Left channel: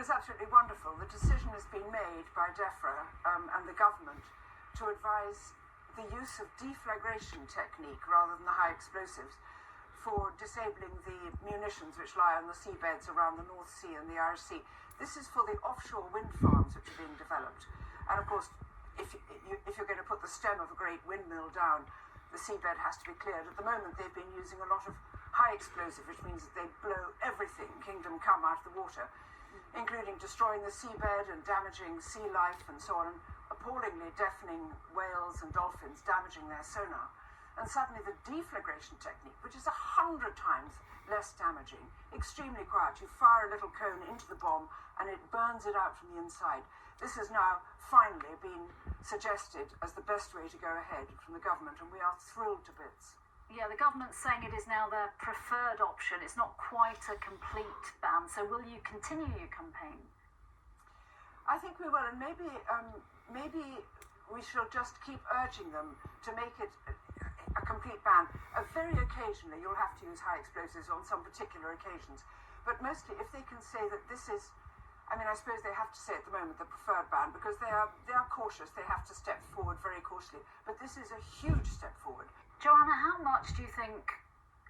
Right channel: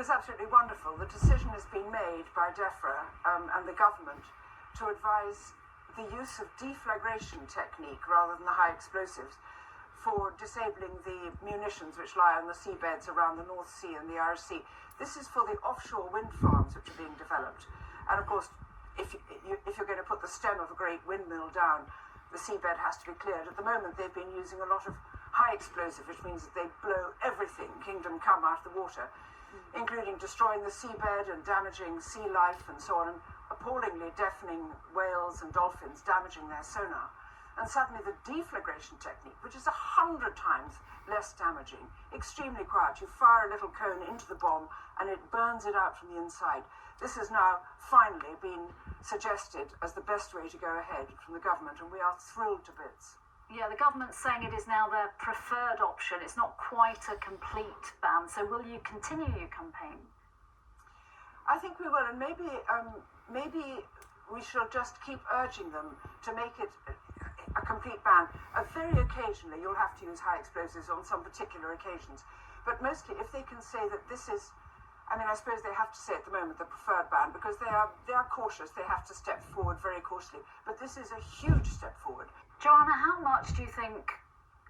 Well, it's absolutely wonderful. The decision has been made by DEFRA and the government to advise the use of deflagration technique rather than the high explosives for disabling the munitions which lie on the seabeds around the North Sea and the Irish Sea. This is for the offshore wind farms which are being developed. And of course, if you're going to put the stem of a great windmill down, the seabed has to be cleared. At the moment, they've been using a lot of high explosive, which means that they blow everything, kingdom come, out of the water, including destroying the seabed and damaging sea life and so on, and appallingly deafening whales and dolphins, damaging their sonar. And suddenly the deflagration technique, which is 100 times less damaging, extremely quiet. You fire a little cone into the bomb and it burns it out from the inside. This has now finally been suggested as the best way to go ahead from the government, and we are thrilled to bits. Yeah, the government's saying it is now their preferred option. It's not quite a complete ban. So will you continue your campaign? I think we will, and maybe we shall just keep urging them to make it a complete ban. Very occasionally you'll have to use high explosives on some particular occasions, but mostly if they can say that this is, I mean, I suppose they have to say at the moment the preferred ban because they are cautious. They have to step forward very cautiously, but this is a huge step forward. Joanna, how much do you think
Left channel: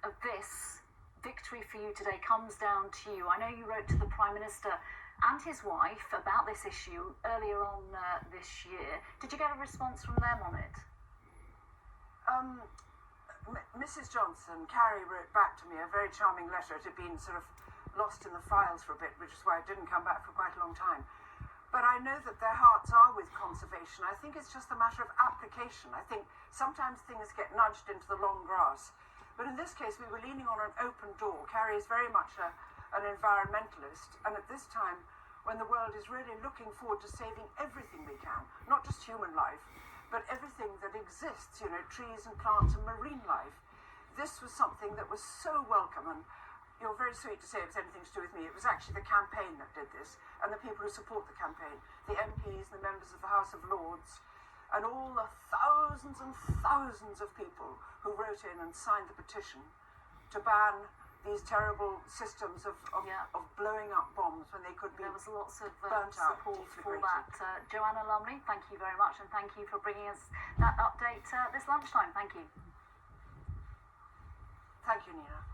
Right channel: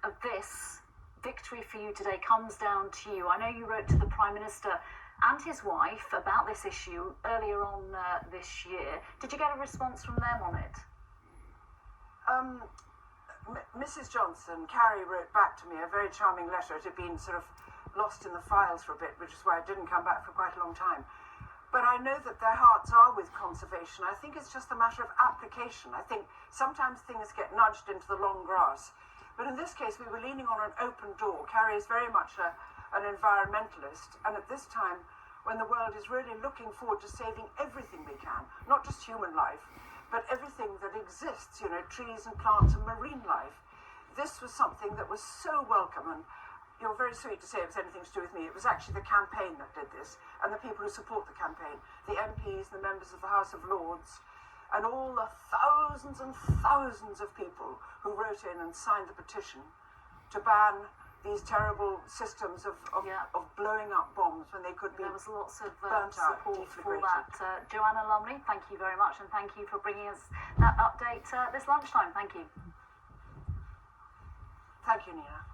of this victory for you today comes down to you? I know you wrote to the Prime Minister and his wife about this issue earlier on this year. Did you get a response from them on it? Mrs. Johnson, Carrie, wrote back to me a very charming letter. It had been sort of lost in the files for a bit, which is why it didn't come back for quite a long time. But I know that their hearts are with conservation. I think it's just a matter of application. I think sometimes things get nudged into the long grass. But in this case, we were leaning on an open door. Carrie is very much an environmentalist. And at this time, when the world is really looking forward to saving everything we can, not just human life, but everything that exists, you know, trees and plants and marine life, this was something that was so welcome. And you're very sweet to say it was anything to do with me. It was actually the campaign that did this, and the people who support the campaign, the MPs, the members of the House of Lords, and all the thousands and thousands of people who wrote in and signed the petition to ban these terrible systems of blowing up bombs when they could be. There was lots of burnt out, support for deflagrated. that. Joanna Lumley, thank you very much, and thank you for bringing us that update this lunchtime. Thank you. Thank you, Nina.